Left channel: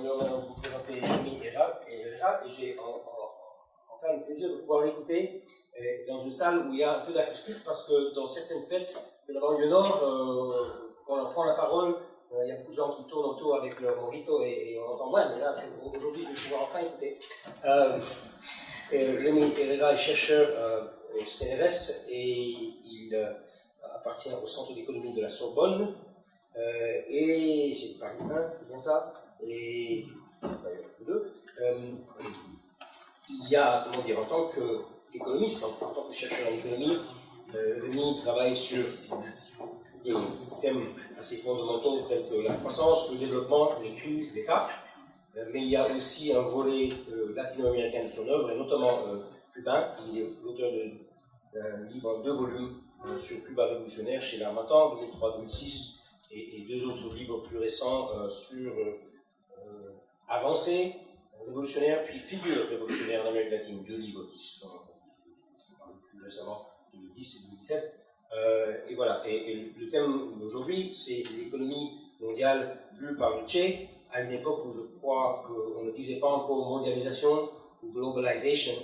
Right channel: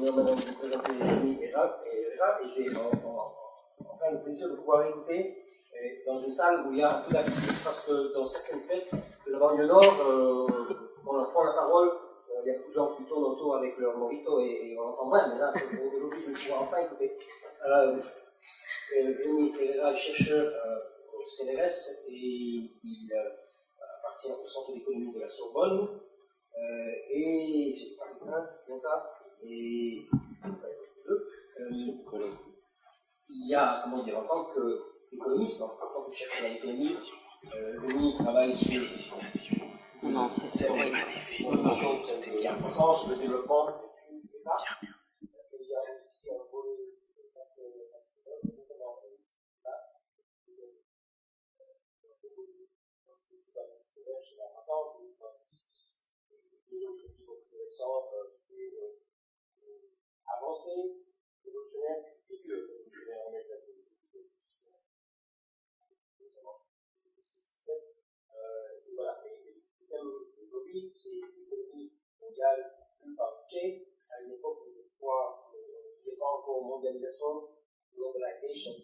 mon honneur maintenant de vous présenter Rémi Herrera, et j'ai enfin le plaisir de pouvoir l'écouter dans une salle où il y a un peu d'attitude, parce que dans certaines fêtes de la banlieue nord, quand on prend la parole, il y a beaucoup de gens qui tournent autour avec leur mojito et on entend moins, mais là, aujourd'hui, je vais pouvoir enfin écouter. Rémi Herrera est chercheur au CNRS et il appartient au Centre d'économie de la Sorbonne. Et c'est Paris 1, c'est bien ça. Et il y a, comment dire, en tant qu'économiste, en tant que chercheur en économie, Rémi travaille sur des thèmes assez fondamentaux tels que la croissance, le développement, les crises, l'État. Mais il y a aussi un volet latino-américain de son œuvre, et notamment cubain. Il est l'auteur d'un livre en 2 volumes sur Cuba révolutionnaire chez l'Harmattan, 2003-2006, et 2 autres livres plus récents sur avancée révolutionnaire, puis figure révolutionnaire en Amérique latine. 2 livres qui sont parus plus récemment, 2010 et 2017. Et voilà. Et le thème d'aujourd'hui, c'est l'économie mondiale vue par le Che, à une époque où je crois qu'on ne disait pas encore mondialisation ou globalisation,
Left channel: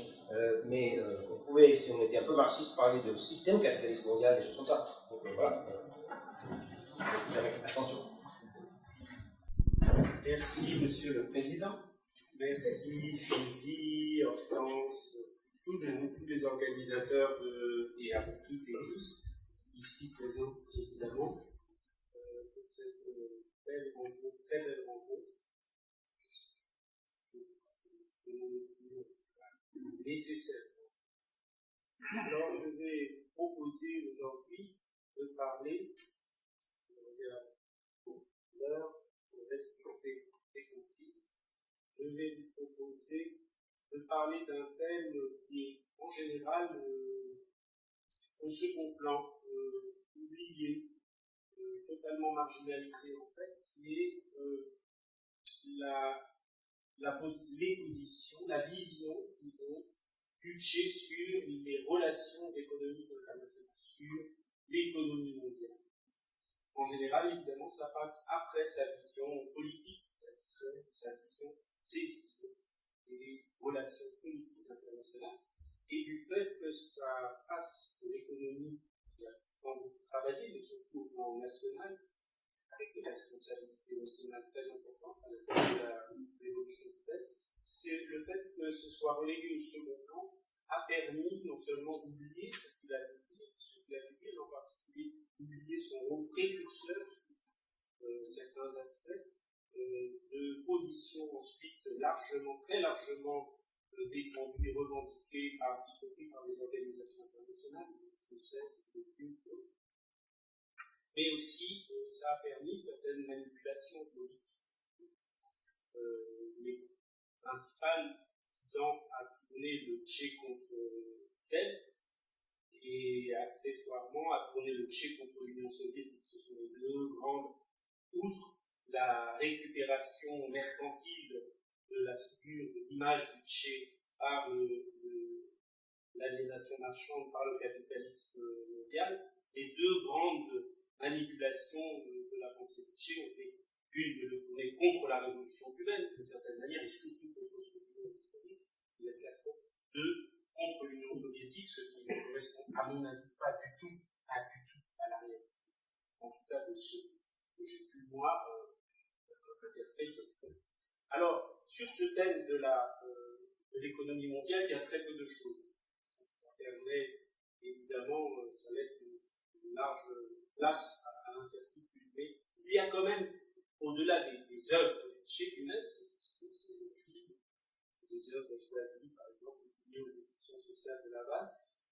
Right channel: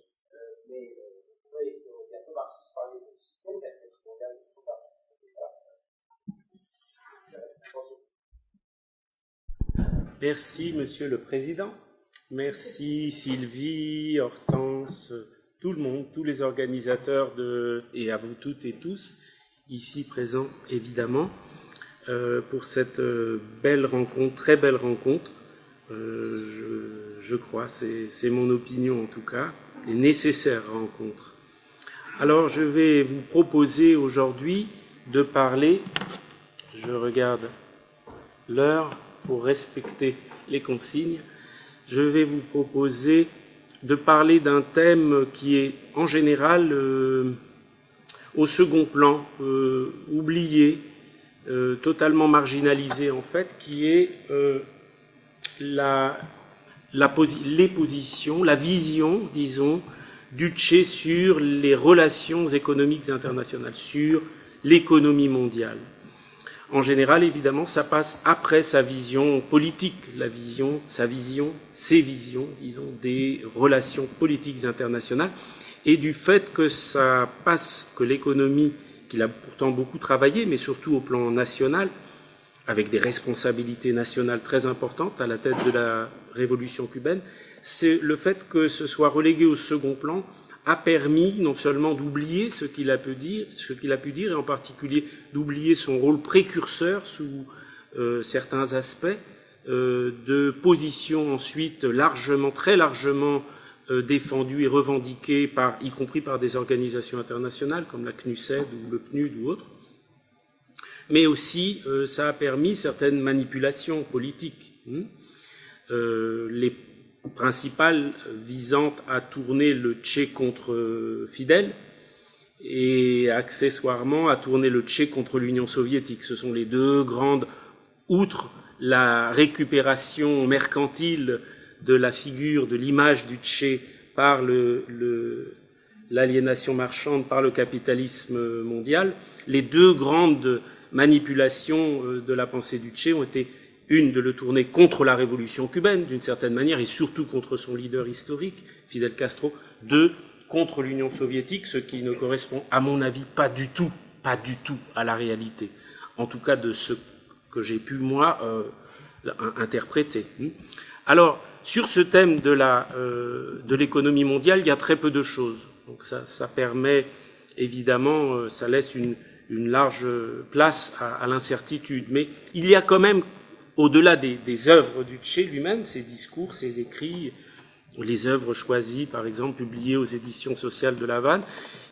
mais on pouvait, si on était un peu marxiste, parler de système capitaliste mondial, des choses comme ça. Donc voilà. Attention. Merci, Monsieur le Président. Merci, Sylvie, Hortense, tout le monde, tous les organisateurs, et à vous toutes et tous, ici présents, évidemment, pour cette belle rencontre, très belle rencontre. Je crois, c'est mon opinion en tout cas, et nécessaire rencontre. Alors, je vais vous proposer aujourd'hui de parler, je regarde l'heure pour respecter les consignes, je vais vous proposer de parler d'un thème qui est en général au second plan, oublié, totalement marginalisé en fait, qui est les positions, la vision, disons, du Che sur les relations économiques internationales, sur l'économie mondiale. En général, évidemment, ça passe après sa vision politique, ses visions, disons, des relations politiques internationales, et du fait que ça passe, que l'économie, qu'il a pourtant beaucoup travaillé, mais surtout au plan national, avec des responsabilités nationales très importantes à la tête de la révolution cubaine, c'est le fait que ce soit relégué au second plan a permis non seulement d'oublier ce qu'il a pu dire, et en particulier d'oublier son rôle précurseur sous certains aspects, de positions ensuite très largement défendues et revendiquées, y compris par des organisations internationales comme la CNUSED ou le PNUD ou autres. Mais aussi, ça a permis certaines manipulations politiques, les principales visant à tourner le Che contre Fidel et accessoirement à tourner le Che contre l'Union soviétique. Ce sont les 2 grandes, outre la récupération mercantile de la figure, de l'image du Che par l'aliénation marchande, par le capitalisme mondial, les 2 grandes manipulations de la pensée du Che ont été une, de le tourner contre la révolution cubaine, d'une certaine manière, et surtout contre son leader historique, Fidel Castro. 2, contre l'Union soviétique, ce qui ne correspond, à mon avis, pas du tout à la réalité. En tout cas, de ce que j'ai pu, moi, interpréter. Alors, sur ce thème de l'économie mondiale, il y a très peu de choses. Donc ça permet, évidemment, ça laisse une large place à l'incertitude. Mais il y a quand même, au-delà des œuvres du Che lui-même, ses discours, ses écrits, les œuvres choisies, par exemple, publiées aux éditions sociales de La Havane,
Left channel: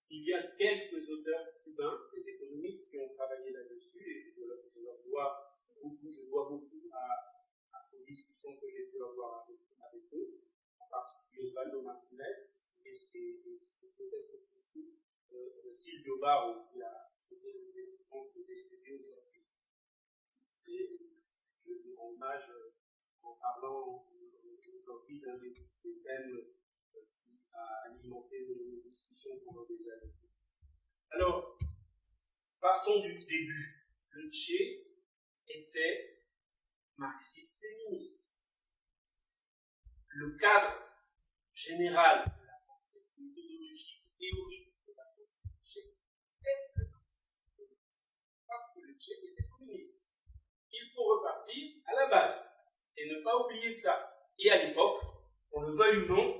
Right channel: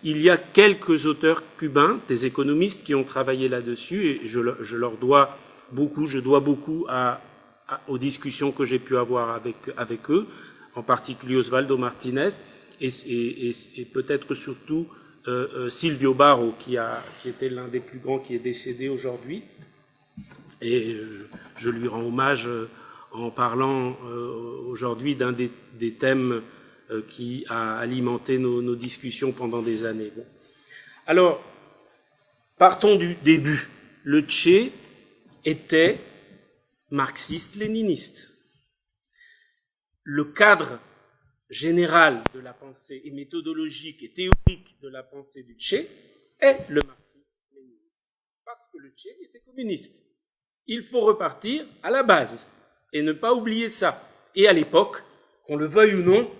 il y a quelques auteurs cubains, des économistes qui ont travaillé là-dessus, et je leur dois beaucoup, aux discussions que j'ai pu avoir avec eux, en particulier Osvaldo Martinez, et peut-être surtout Silvio Barro, qui était l'un des plus grands, qui est décédé aujourd'hui. Et je lui rends hommage en parlant aujourd'hui d'un des thèmes qui a alimenté nos discussions pendant des années. Bon. Alors, partons du début. Le Che était marxiste-léniniste. le cadre général de la pensée et méthodologique et théorique de la pensée du Che est le marxisme-léninisme. Parce que le Che était communiste. Il faut repartir à la base et ne pas oublier ça. Et à l'époque, qu'on le veuille ou non,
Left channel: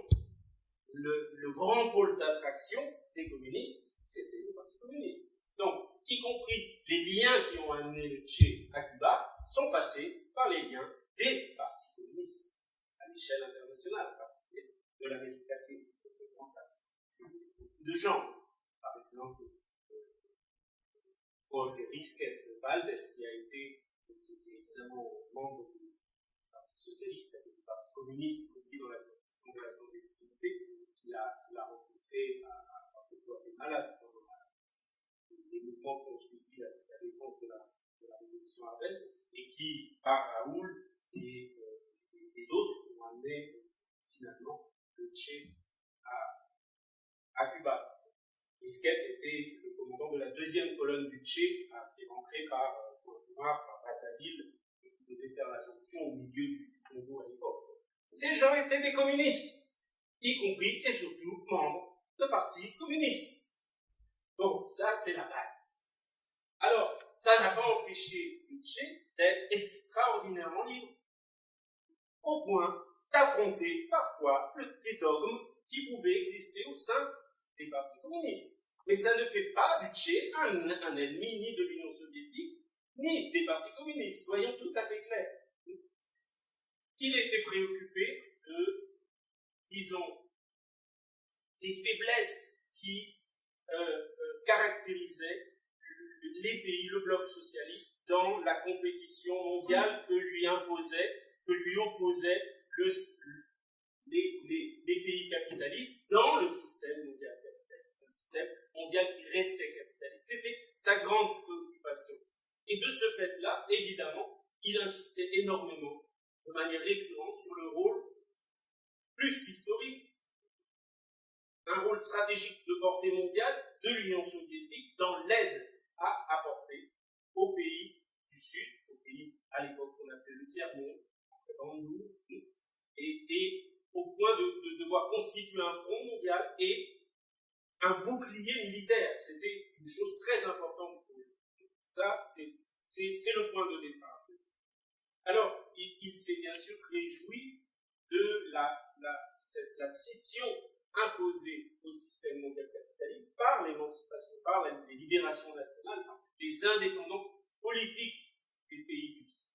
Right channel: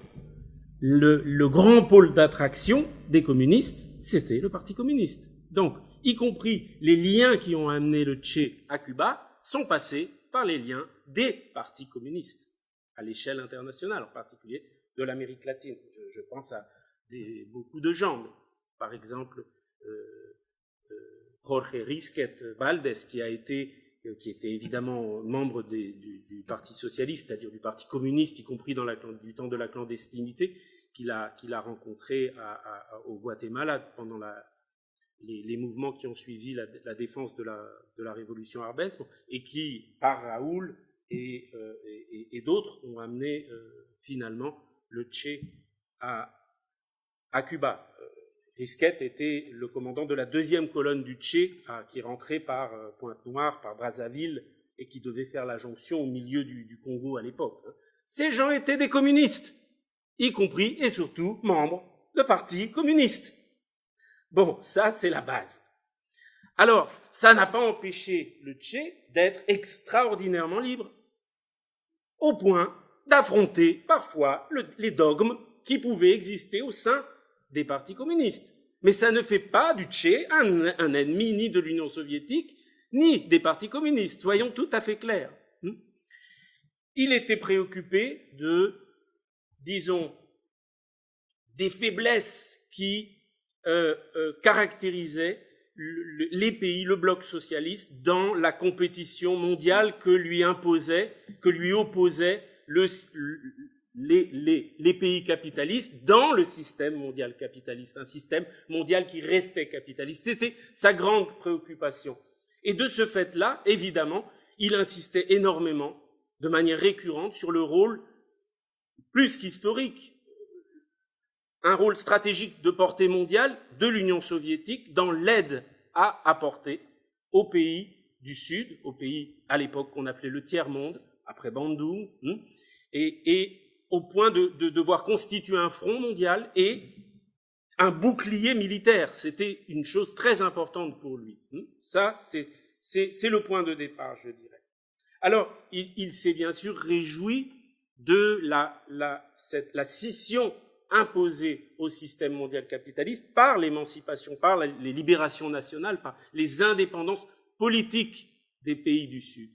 le grand pôle d'attraction des communistes, c'était le Parti communiste. Donc, y compris les liens qui ont amené le Che à Cuba sont passés par les liens des partis communistes, à l'échelle internationale, en particulier de l'Amérique latine. Je pense à beaucoup de gens, par exemple Jorge Risquet Valdés, qui était évidemment membre du Parti socialiste, c'est-à-dire du Parti communiste, y compris du temps de la clandestinité, qu'il a rencontré au Guatemala pendant les mouvements qui ont suivi la défense de la révolution arabesque, et qui, par Raoul et d'autres, ont amené finalement le Che à Cuba. Risquet était le commandant de la deuxième colonne du Che, qui rentrait par Pointe-Noire, par Brazzaville, et qui devait faire la jonction au milieu du Congo à l'époque. Ces gens étaient des communistes, y compris et surtout membres de partis communistes. Bon, ça c'est la base. Alors, ça n'a pas empêché le Che d'être extraordinairement libre, au point d'affronter parfois les dogmes qui pouvaient exister au sein des partis communistes. Mais ça ne fait pas du Che un ennemi ni de l'Union soviétique, ni des partis communistes, soyons tout à fait clairs. Il était préoccupé disons, des faiblesses qui caractérisaient les pays, le bloc socialiste, dans la compétition mondiale que lui opposaient les pays capitalistes dans le système mondial capitaliste, un système mondial qui restait capitaliste. C'était sa grande préoccupation. Et de ce fait-là, évidemment, il insistait énormément, de manière récurrente, sur le rôle plus qu'historique, un rôle stratégique de portée mondiale de l'Union soviétique dans l'aide à apporter aux pays du Sud, aux pays à l'époque qu'on appelait le tiers-monde, après Bandung, et au point de devoir constituer un front mondial et un bouclier militaire. C'était une chose très importante pour lui. Ça, c'est le point de départ, je dirais. Alors, il s'est bien sûr réjoui de la scission imposée au système mondial capitaliste par l'émancipation, par les libérations nationales, par les indépendances politiques des pays du Sud.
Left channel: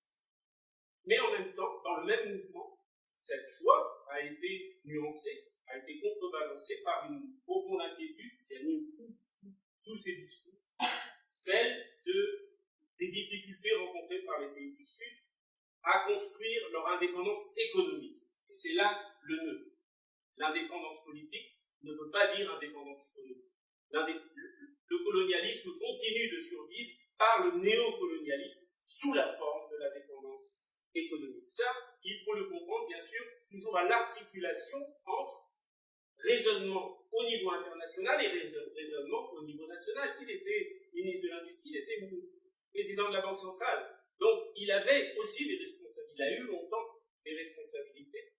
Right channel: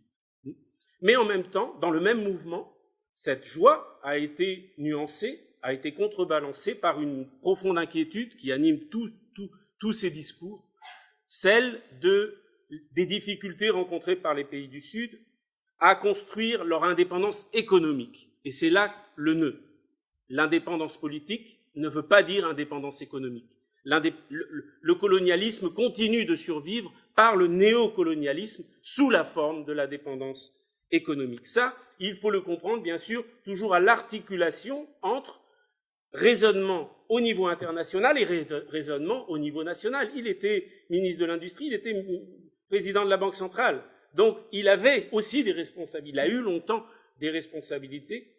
Mais en même temps, dans le même mouvement, cette joie a été nuancée, a été contrebalancée par une profonde inquiétude qui anime tous ces discours, celle des difficultés rencontrées par les pays du Sud à construire leur indépendance économique. Et c'est là le nœud. L'indépendance politique ne veut pas dire indépendance économique. Le colonialisme continue de survivre par le néocolonialisme sous la forme de la dépendance économique. Ça, il faut le comprendre, bien sûr, toujours à l'articulation entre raisonnement au niveau international et raisonnement au niveau national. Il était ministre de l'Industrie, il était président de la Banque centrale. Donc, il avait aussi des responsabilités. Il a eu longtemps des responsabilités,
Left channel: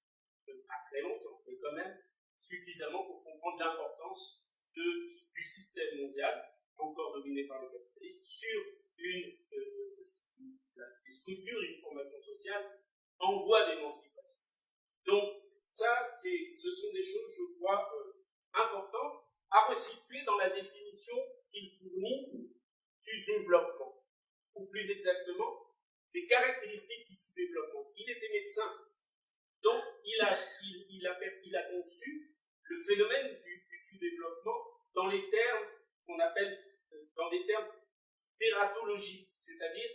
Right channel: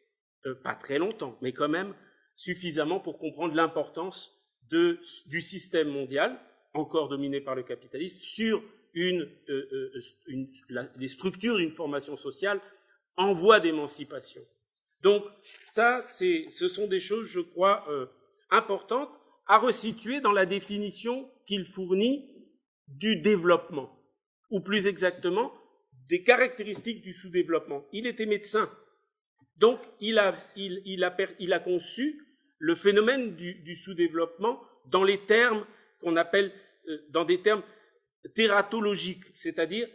pas très longtemps, mais quand même suffisamment pour comprendre l'importance du système mondial, encore dominé par le capitalisme, sur les structures d'une formation sociale en voie d'émancipation. Donc, ça, ce sont des choses, je crois, importantes à resituer dans la définition qu'il fournit du développement, ou plus exactement, des caractéristiques du sous-développement. Il était médecin, donc il a conçu le phénomène du sous-développement dans les termes qu'on appelle, dans des termes tératologiques, c'est-à-dire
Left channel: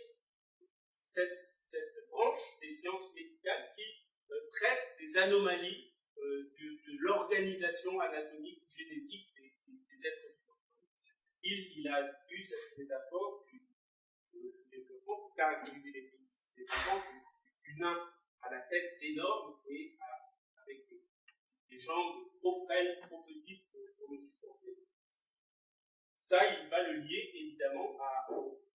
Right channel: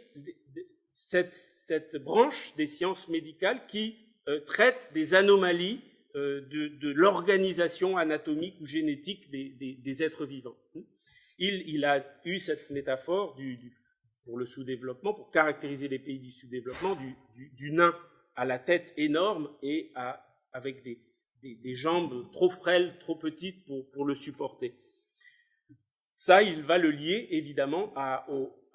cette branche des sciences médicales qui traite des anomalies de l'organisation anatomique ou génétique des êtres vivants. Il a eu cette métaphore pour le sous-développement, pour caractériser les pays du sous-développement, du nain à la tête énorme et avec des jambes trop frêles, trop petites pour le supporter. Ça, il va le lier évidemment à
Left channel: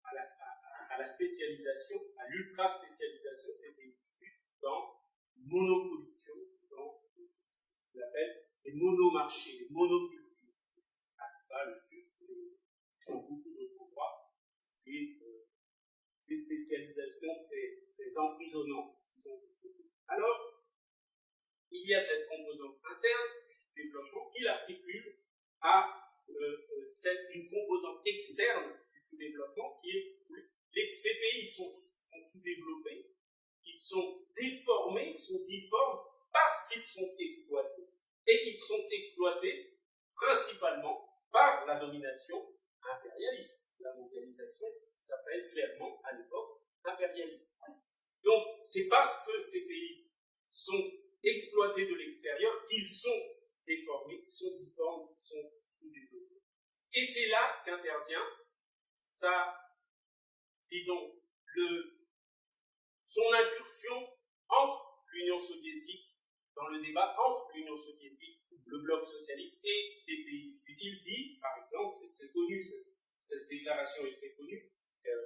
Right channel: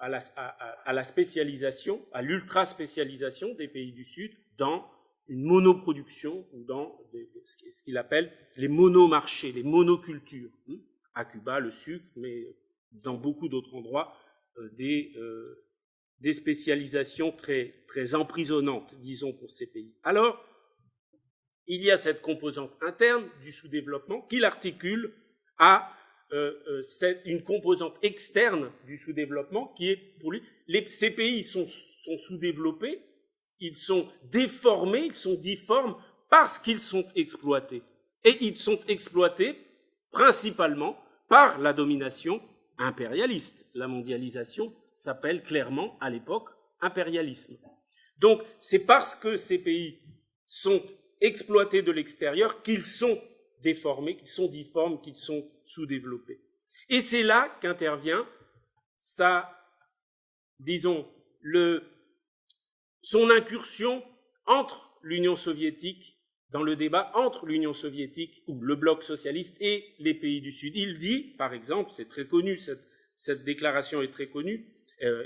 la spécialisation, à l'ultra-spécialisation des pays du Sud dans une monoproduction ou dans ce qu'il appelle les monomarchés, les monocultures. À Cuba, le sucre, mais dans beaucoup d'autres endroits, des spécialisations très, très emprisonnantes, disons, pour ces pays. Alors, il y a cette composante interne du sous-développement qu'il articule à une composante externe du sous-développement qui est, pour lui, ces pays sont sous-développés, ils sont déformés, ils sont difformes parce qu'ils sont exploités. Et ils sont exploités principalement par la domination impérialiste. La mondialisation s'appelle clairement, à l'époque, impérialisme. Donc, c'est parce que ces pays sont exploités de l'extérieur qu'ils sont déformés, qu'ils sont difformes, qu'ils sont sous-développés. Et c'est là qu'intervient son incursion entre l'Union soviétique, dans le débat entre l'Union soviétique, ou le bloc socialiste, et les pays du Sud. Il dit, par exemple, c'est très connu, cette déclaration est très connue,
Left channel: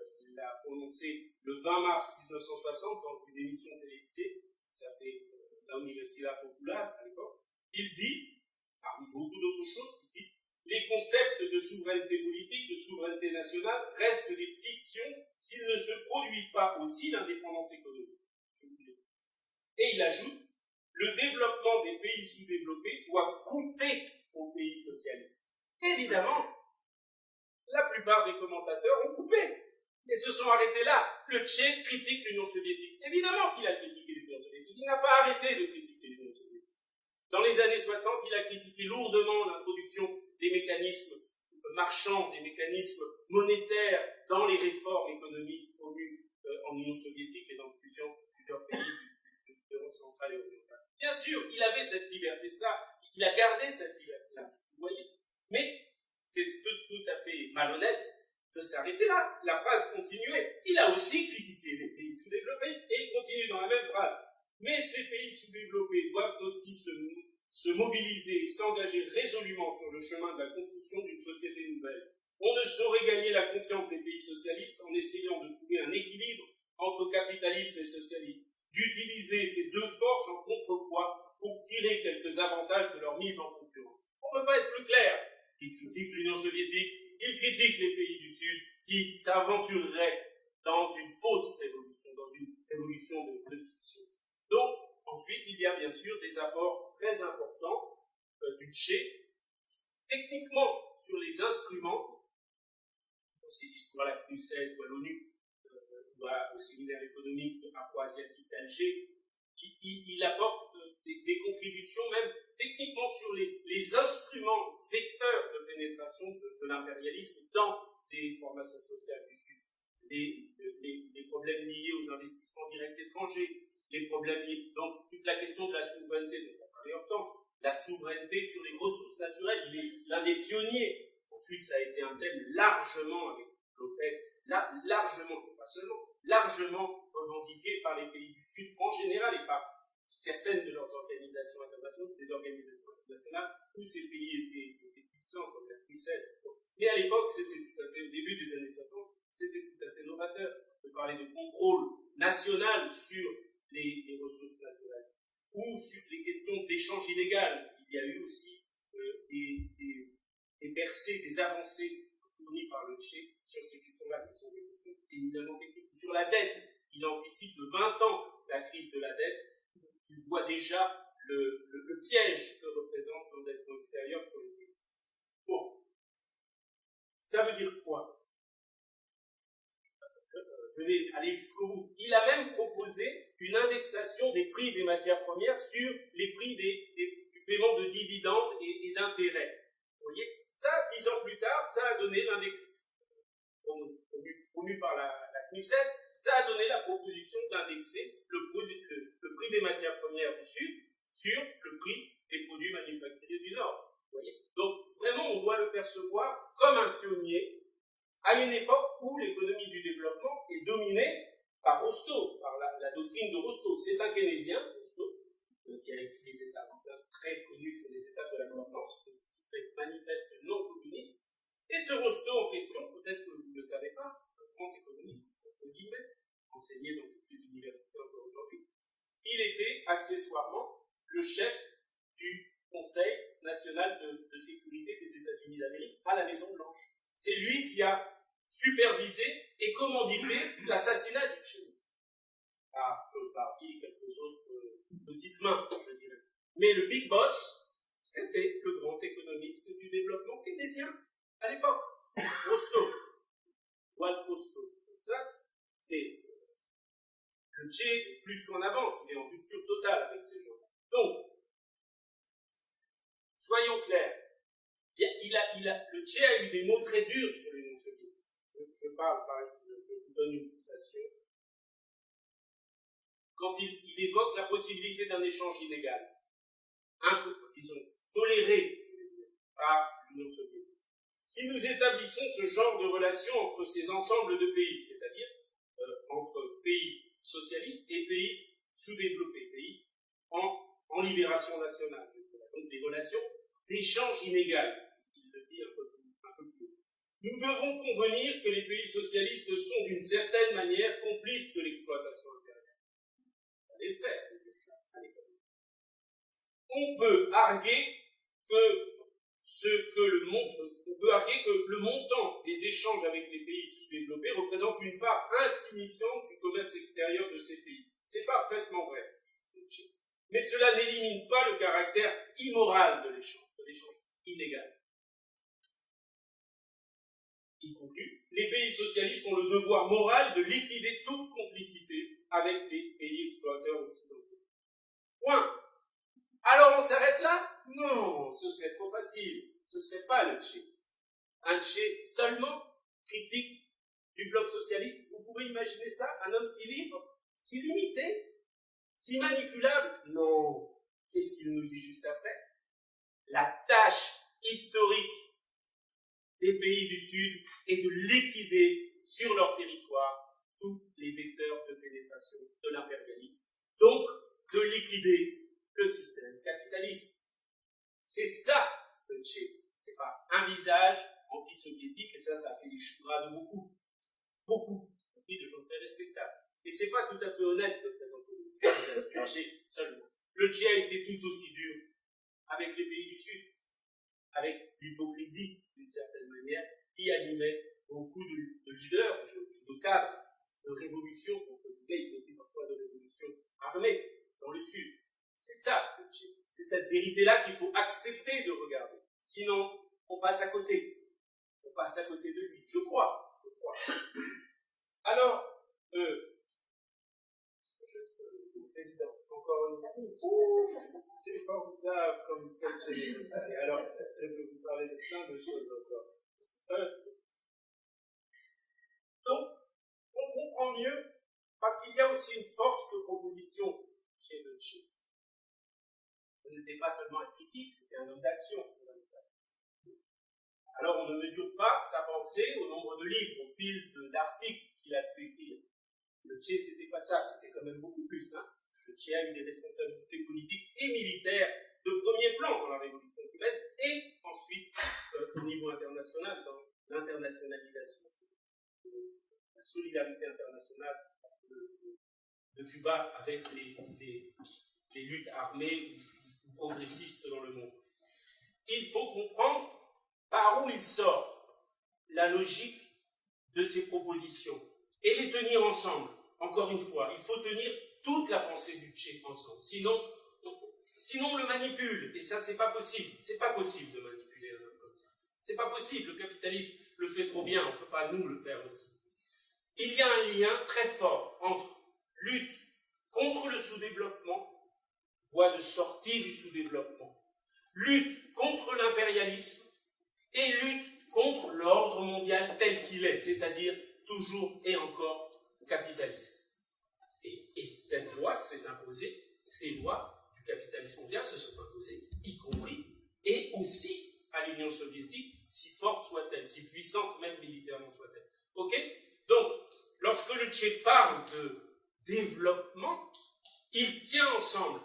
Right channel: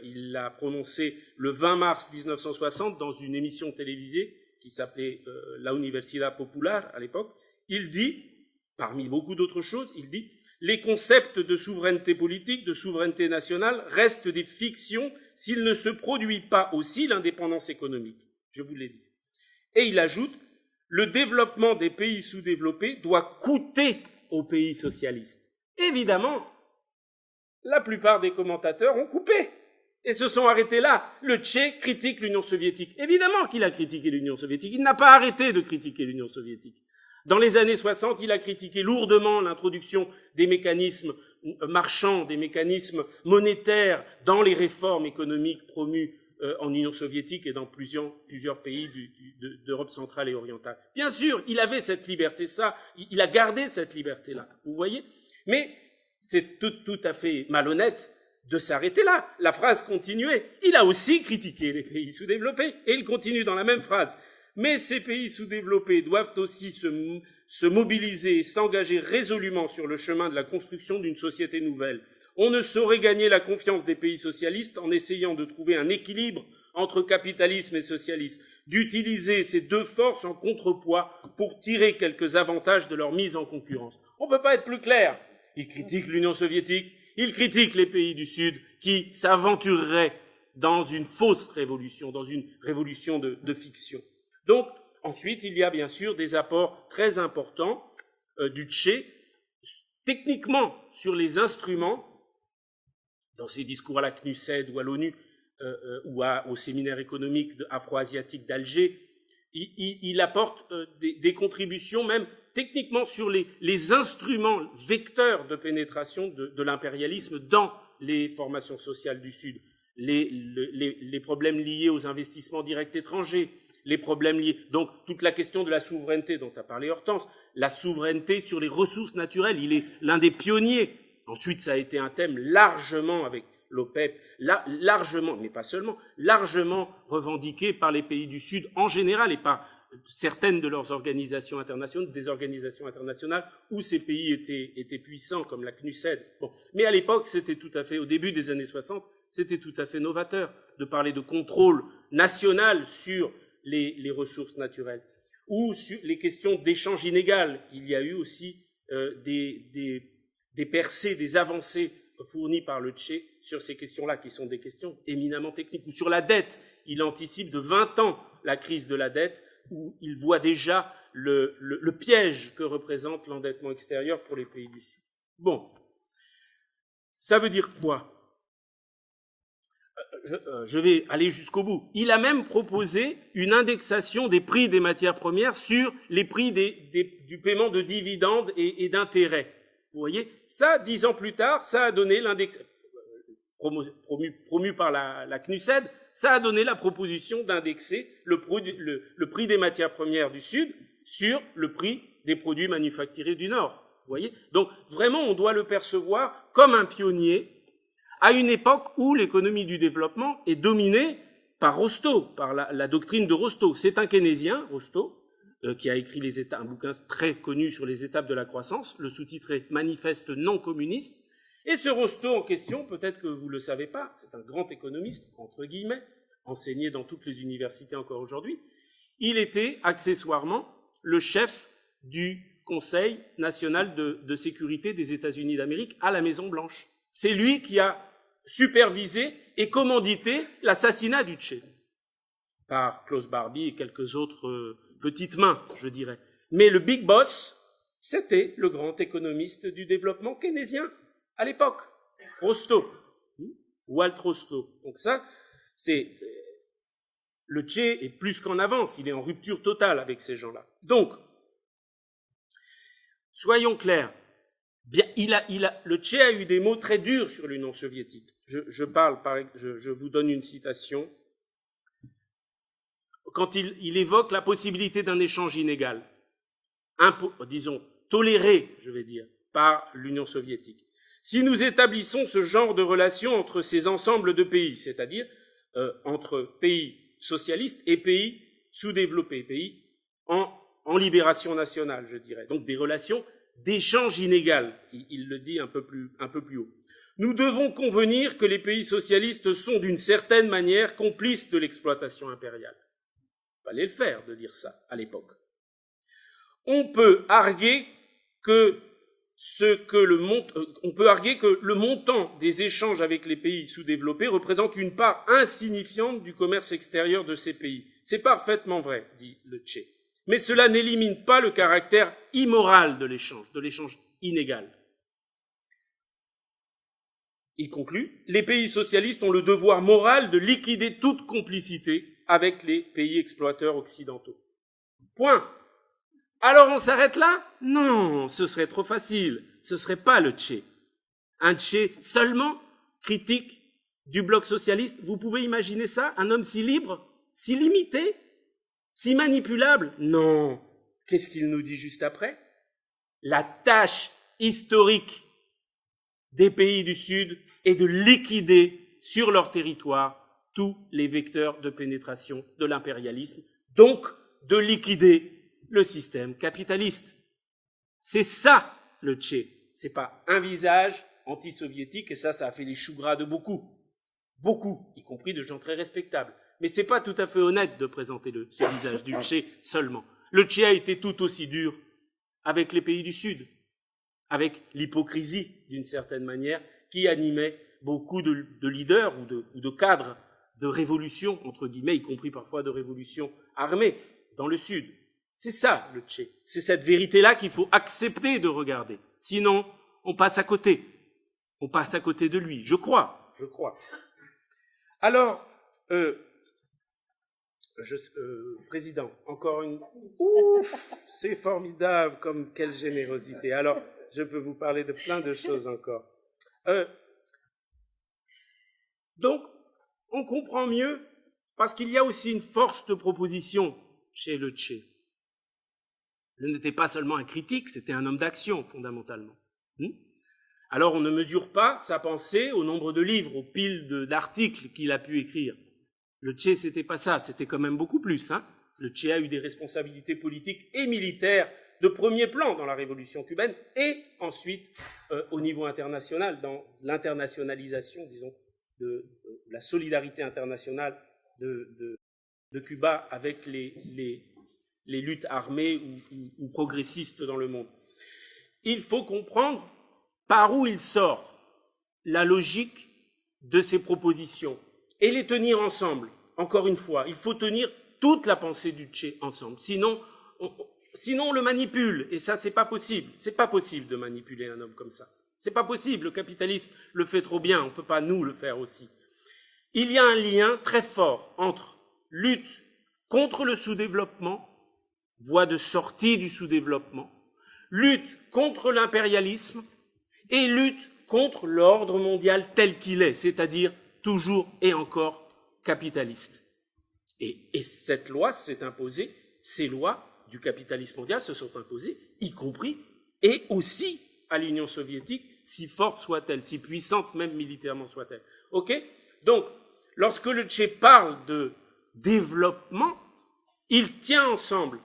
il l'a prononcée le 20 mars 1960 dans une émission télévisée qui s'appelait La Universidad Popular à l'époque. Il dit, parmi beaucoup d'autres choses, il dit « Les concepts de souveraineté politique, de souveraineté nationale restent des fictions s'il ne se produit pas aussi l'indépendance économique. » Je vous l'ai dit. Et il ajoute « Le développement des pays sous-développés doit coûter aux pays socialistes. » Évidemment, la plupart des commentateurs ont coupé et se sont arrêtés là. Le Tché critique l'Union soviétique. Évidemment qu'il a critiqué l'Union soviétique. Il n'a pas arrêté de critiquer l'Union soviétique. Dans les années 60, il a critiqué lourdement l'introduction des mécanismes marchands, des mécanismes monétaires dans les réformes économiques promues en Union soviétique et dans plusieurs pays d'Europe centrale et orientale. Bien sûr, il avait cette liberté, il a gardé cette liberté-là, vous voyez. Mais c'est tout à fait malhonnête de s'arrêter là. La phrase continuait. Il a aussi critiqué les pays sous-développés, et il continue dans la même phrase. Mais ces pays sous-développés doivent aussi se mobiliser et s'engager résolument sur le chemin de la construction d'une société nouvelle. On ne saurait gagner la confiance des pays socialistes en essayant de trouver un équilibre entre capitalisme et socialisme, d'utiliser ces deux forces en contrepoids pour tirer quelques avantages de leur mise en concurrence. On ne peut pas être plus clair. Il critique l'Union soviétique, il critique les pays du Sud qui s'aventureraient dans une fausse révolution, dans une révolution de fiction. Donc, ensuite, il y a bien sûr des apports très importants du Tché, techniquement sur les instruments, dans ses discours à la CNUSED ou à l'ONU, ou au séminaire économique afro-asiatique d'Alger, il apporte des contributions même techniquement sur les instruments vecteurs de pénétration de l'impérialisme dans les formations sociales du Sud, les problèmes liés aux investissements directs étrangers, les problèmes liés, donc toute la question de la souveraineté dont a parlé Hortense, la souveraineté sur les ressources naturelles, il est l'un des pionniers. Ensuite, ça a été un thème largement avec l'OPEP, largement, mais pas seulement, largement revendiqué par les pays du Sud en général et par certaines de leurs organisations internationales, des organisations internationales où ces pays étaient puissants, comme la CNUSED. Bon. Mais à l'époque, c'était tout à fait, au début des années 60, c'était tout à fait novateur de parler de contrôle national sur les ressources naturelles ou sur les questions d'échange inégal. Il y a eu aussi des percées, des avancées fournies par le Tché sur ces questions-là, qui sont des questions éminemment techniques. Ou sur la dette, il anticipe de 20 ans la crise de la dette, où il voit déjà le piège que représente l'endettement extérieur pour les pays du Sud. Bon, ça veut dire quoi ? Je vais aller jusqu'au bout. Il a même proposé une indexation des prix des matières premières sur les prix du paiement de dividendes et d'intérêts. Vous voyez, ça, 10 ans plus tard, ça a donné l'index promu par la CNUSED, ça a donné la proposition d'indexer le prix des matières premières du Sud sur le prix des produits manufacturés du Nord. Vous voyez, donc vraiment, on doit le percevoir comme un pionnier à une époque où l'économie du développement est dominée par Rostow, par la doctrine de Rostow. C'est un keynésien, Rostow, qui a écrit un bouquin très connu sur les étapes de la croissance, le sous-titre est « Manifeste non communiste ». Et ce Rostow en question, peut-être que vous ne le savez pas, c'est un grand économiste, entre guillemets, enseigné dans toutes les universités encore aujourd'hui, il était accessoirement le chef du Conseil national de sécurité des États-Unis d'Amérique à la Maison-Blanche. C'est lui qui a supervisé et commandité l'assassinat du Che, par Klaus Barbie et quelques autres petites mains, je dirais. Mais le big boss, c'était le grand économiste du développement keynésien à l'époque, Rostow, Walt Rostow. Donc ça, c'est... Le Che est plus qu'en avance, il est en rupture totale avec ces gens-là. Donc, soyons clairs, bien, le Che a eu des mots très durs sur l'Union soviétique. Je vous donne une citation. Quand il évoque la possibilité d'un échange inégal, disons, toléré, je vais dire, par l'Union soviétique. Si nous établissons ce genre de relation entre ces ensembles de pays, c'est-à-dire entre pays socialistes et pays sous-développés, pays en libération nationale, je dirais. Donc des relations d'échange inégal, il le dit un peu plus haut. Nous devons convenir que les pays socialistes sont d'une certaine manière complices de l'exploitation impériale. Il fallait le faire de dire ça à l'époque. On peut arguer que le montant des échanges avec les pays sous-développés représente une part insignifiante du commerce extérieur de ces pays. C'est parfaitement vrai, dit le Che. Mais cela n'élimine pas le caractère immoral de l'échange inégal. Il conclut, les pays socialistes ont le devoir moral de liquider toute complicité avec les pays exploiteurs occidentaux. Point. Alors on s'arrête là? Non, ce serait trop facile. Ce serait pas le Che. Un Che seulement critique du bloc socialiste. Vous pouvez imaginer ça? Un homme si libre, si limité, si manipulable? Non. Qu'est-ce qu'il nous dit juste après? La tâche historique des pays du Sud est de liquider sur leur territoire tous les vecteurs de pénétration de l'impérialisme, donc de liquider le système capitaliste. C'est ça le Che. C'est pas un visage anti-soviétique, et ça a fait les choux gras de beaucoup, y compris de gens très respectables. Mais c'est pas tout à fait honnête de présenter ce visage du Che seulement. Le Che a été tout aussi dur avec les pays du Sud, avec l'hypocrisie, d'une certaine manière, qui animait beaucoup de leaders ou de cadres de révolution, entre guillemets, y compris parfois de révolution armée, dans le Sud. C'est ça, le Che. C'est cette vérité-là qu'il faut accepter de regarder. Sinon, on passe à côté. On passe à côté de lui. Je crois. Alors, Président, encore une... Ouf, c'est formidable, comme quelle générosité. Alors, je peux vous parler de plein de choses encore. Donc, on comprend mieux, parce qu'il y a aussi une force de proposition chez le Che. Il n'était pas seulement un critique, c'était un homme d'action, fondamentalement. Alors, on ne mesure pas sa pensée au nombre de livres, aux piles d'articles qu'il a pu écrire. Le Che, c'était pas ça, c'était quand même beaucoup plus. Le Che a eu des responsabilités politiques et militaires de premier plan dans la révolution cubaine et ensuite au niveau international, dans l'internationalisation, disons, de la solidarité internationale de Cuba avec les luttes armées ou progressistes dans le monde. Il faut comprendre par où il sort la logique de ces propositions et les tenir ensemble. Encore une fois, il faut tenir toute la pensée du Che ensemble. Sinon, on le manipule. Et ça, c'est pas possible. C'est pas possible de manipuler un homme comme ça. C'est pas possible. Le capitalisme le fait trop bien. On peut pas nous le faire aussi. Il y a un lien très fort entre lutte contre le sous-développement, voie de sortie du sous-développement, lutte contre l'impérialisme et lutte contre l'ordre mondial tel qu'il est, c'est-à-dire toujours et encore capitaliste. Et cette loi s'est imposée, ces lois du capitalisme mondial se sont imposées, y compris et aussi à l'Union soviétique, si forte soit-elle, si puissante même militairement soit-elle. Ok ? Donc, lorsque le Che parle de développement, il tient ensemble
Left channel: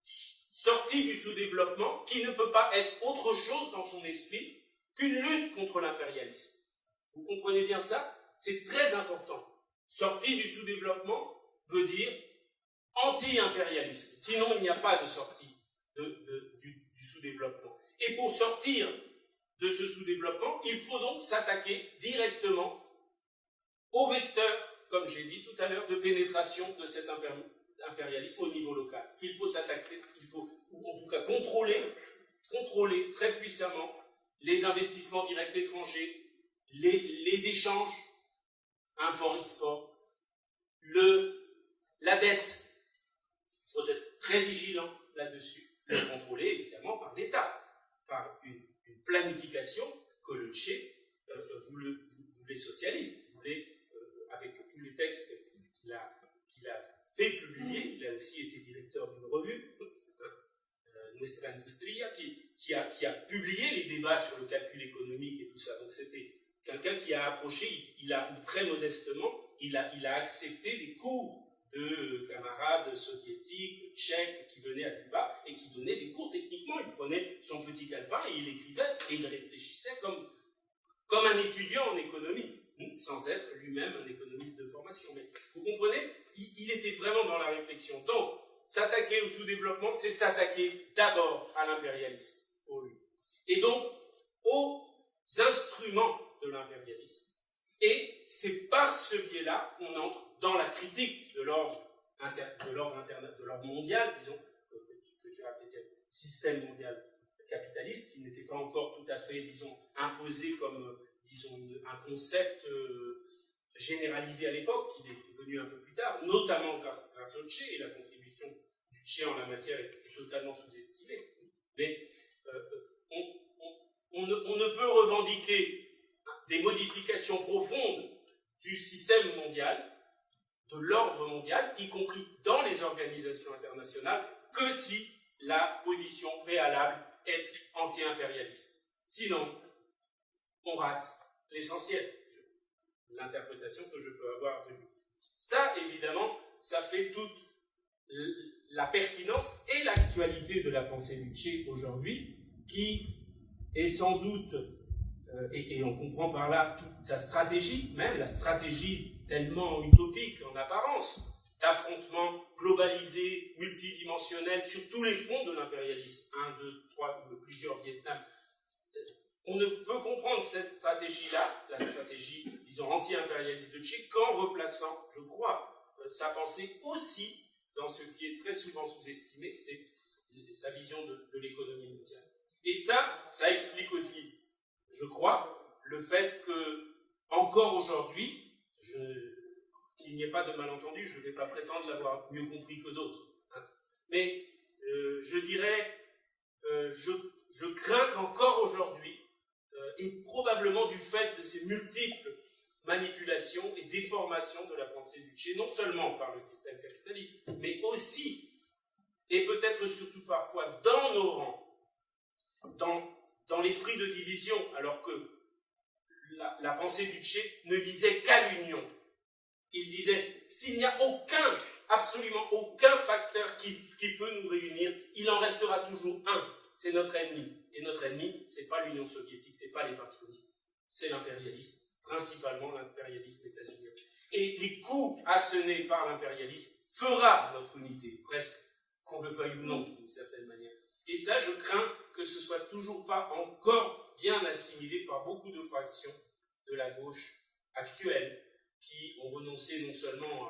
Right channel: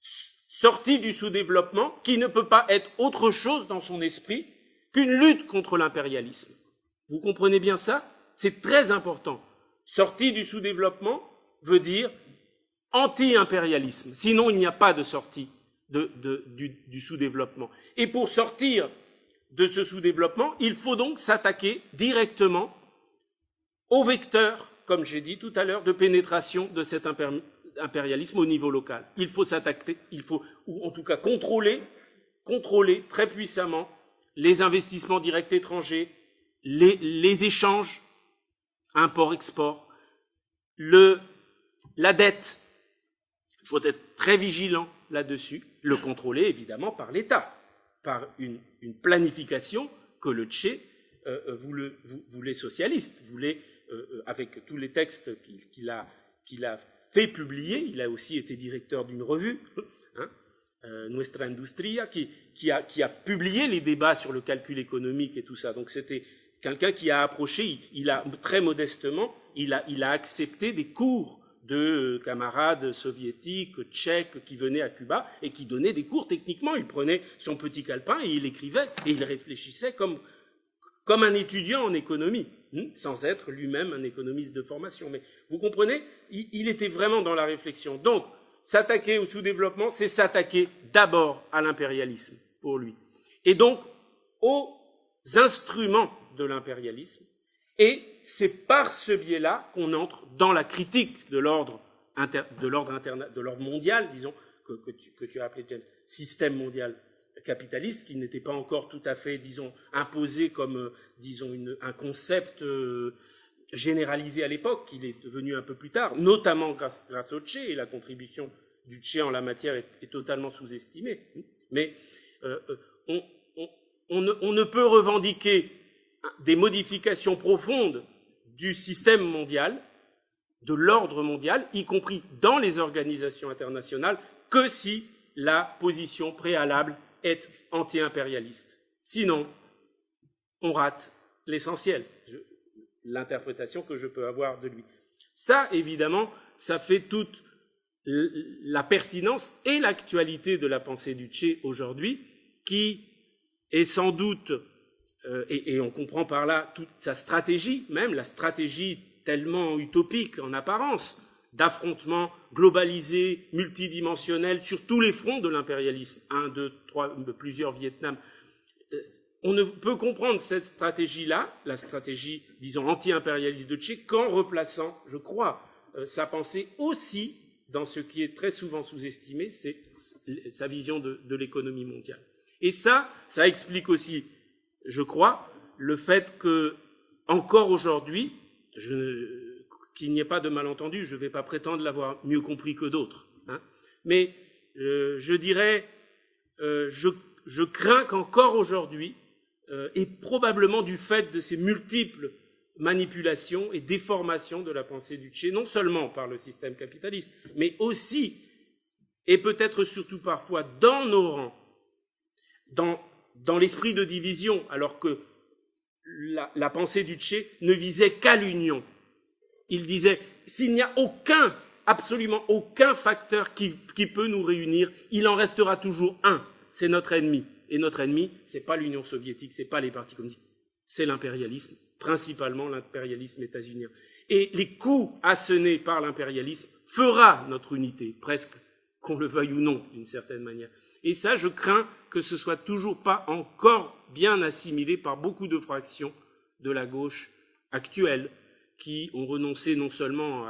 sortie du sous-développement, qui ne peut pas être autre chose dans son esprit qu'une lutte contre l'impérialisme. Vous comprenez bien ça? C'est très important. Sortie du sous-développement veut dire anti-impérialisme. Sinon, il n'y a pas de sortie du sous-développement. Et pour sortir de ce sous-développement, il faut donc s'attaquer directement au vecteur, comme j'ai dit tout à l'heure, de pénétration de cet impérialisme au niveau local. Il faut s'attaquer, ou en tout cas contrôler très puissamment les investissements directs étrangers, les échanges, import-export, la dette. Il faut être très vigilant là-dessus, le contrôler évidemment par l'État, par une planification que le Tché voulait socialiste, voulait, avec tous les textes qu'il a fait publier. Il a aussi été directeur d'une revue, Nuestra Industria, qui a publié les débats sur le calcul économique et tout ça. Donc c'était quelqu'un qui a approché, il a très modestement, il a accepté des cours de camarades soviétiques, tchèques, qui venaient à Cuba et qui donnaient des cours techniquement. Il prenait son petit calepin et il écrivait et il réfléchissait comme un étudiant en économie, sans être lui-même un économiste de formation. Mais vous comprenez, il était vraiment dans la réflexion. Donc, s'attaquer au sous-développement, c'est s'attaquer d'abord à l'impérialisme, pour lui. Et donc, aux instruments de l'impérialisme. Et c'est par ce biais-là qu'on entre dans la critique de l'ordre mondial, disons, que tu as appelé système mondial capitaliste, qui n'était pas encore tout à fait, disons, imposé comme, disons, un concept généralisé à l'époque, qu'il est devenu un peu plus tard, notamment grâce au Tché, et la contribution du Tché en la matière est totalement sous-estimée. Mais on ne peut revendiquer des modifications profondes du système mondial, de l'ordre mondial, y compris dans les organisations internationales, que si la position préalable est anti-impérialiste. Sinon, on rate l'essentiel, l'interprétation que je peux avoir de lui. Ça, évidemment, ça fait toute la pertinence et l'actualité de la pensée du Tché aujourd'hui, qui est sans doute, et on comprend par là toute sa stratégie, même la stratégie tellement utopique en apparence, d'affrontement globalisé, multidimensionnel, sur tous les fronts de l'impérialisme, 1, 2, 3, plusieurs Vietnam. On ne peut comprendre cette stratégie-là, la stratégie, disons, anti-impérialiste de Tché, qu'en replaçant, je crois, sa pensée aussi dans ce qui est très souvent sous-estimé, c'est sa vision de l'économie mondiale. Et ça explique aussi, je crois, le fait que, encore aujourd'hui, qu'il n'y ait pas de malentendu, je ne vais pas prétendre l'avoir mieux compris que d'autres, mais je dirais, je crains qu'encore aujourd'hui, et probablement du fait de ces multiples manipulations et déformations de la pensée du Tché, non seulement par le système capitaliste, mais aussi, et peut-être surtout parfois, dans nos rangs, dans l'esprit de division, alors que la pensée du Tché ne visait qu'à l'union. Il disait, s'il n'y a absolument aucun facteur qui peut nous réunir, il en restera toujours un, c'est notre ennemi. Et notre ennemi, ce n'est pas l'Union soviétique, ce n'est pas les partis communistes, c'est l'impérialisme, principalement l'impérialisme états-unien. Et les coups assenés par l'impérialisme fera notre unité, presque, qu'on le veuille ou non, d'une certaine manière. Et ça, je crains que ce soit toujours pas encore bien assimilé par beaucoup de fractions de la gauche actuelle, qui ont renoncé non seulement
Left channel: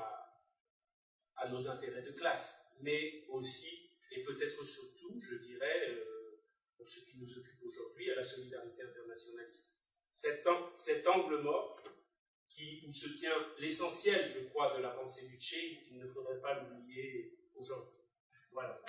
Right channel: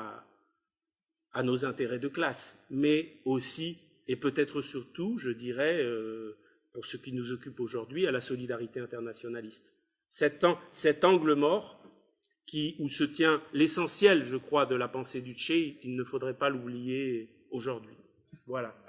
à nos intérêts de classe, mais aussi, et peut-être surtout, je dirais, pour ce qui nous occupe aujourd'hui, à la solidarité internationaliste. Cet angle mort, où se tient l'essentiel, je crois, de la pensée du Tché, il ne faudrait pas l'oublier aujourd'hui. Voilà.